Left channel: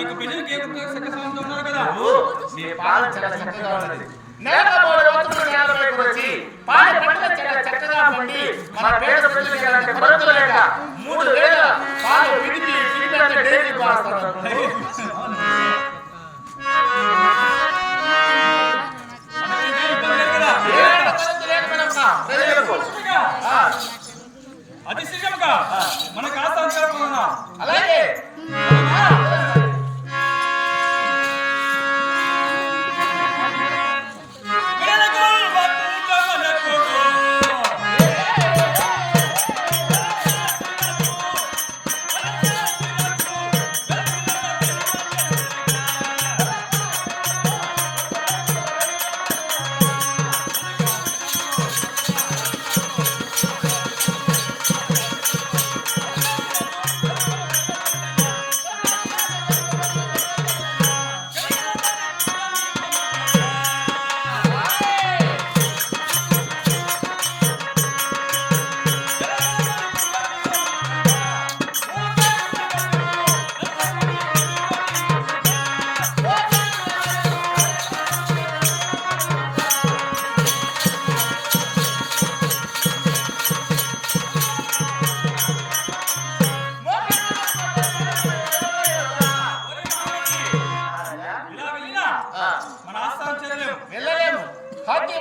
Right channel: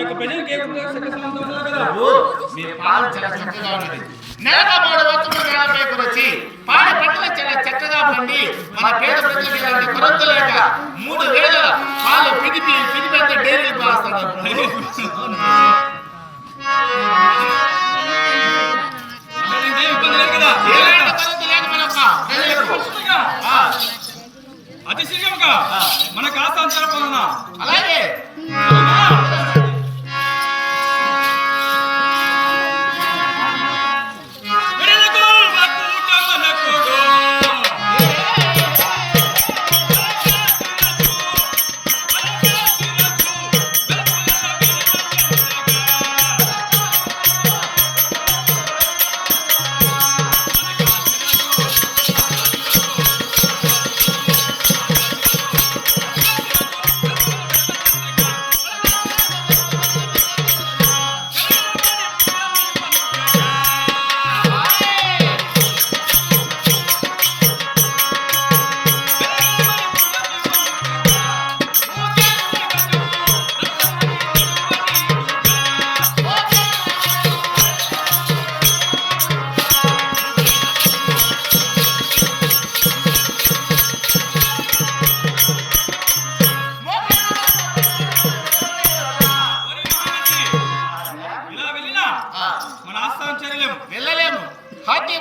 యొక్క ప్రజలకు ఏమంటారు సకసంతో ఉన్నారు కదా మీ పాలు చాలా చక్కగా ఉన్నది. నెలకు 3 వస్తువులు నేలపైకి వచ్చి పాడి పంటలు చాలా చక్కగా పండి మన పేద ప్రజలకు ఇలాంటి కొరత లేక 3 వేల పాలు పిడిపి అంతా డైరీ పాస్తాడు. ఇబ్బంది లేదు కదా ఎలాంటి కొరత లేదు మనకు ప్రజలకు. అతి శీఘ్రంగా మనకు ఆస్థాన అలాగే మన ఆస్థానం చేరలేము వెళ్ళలేము. హాకీ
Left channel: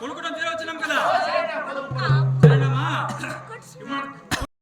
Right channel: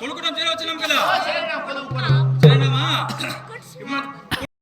కొనుక్కోవడం చేరవచ్చున్నాం కదా వచ్చినాం.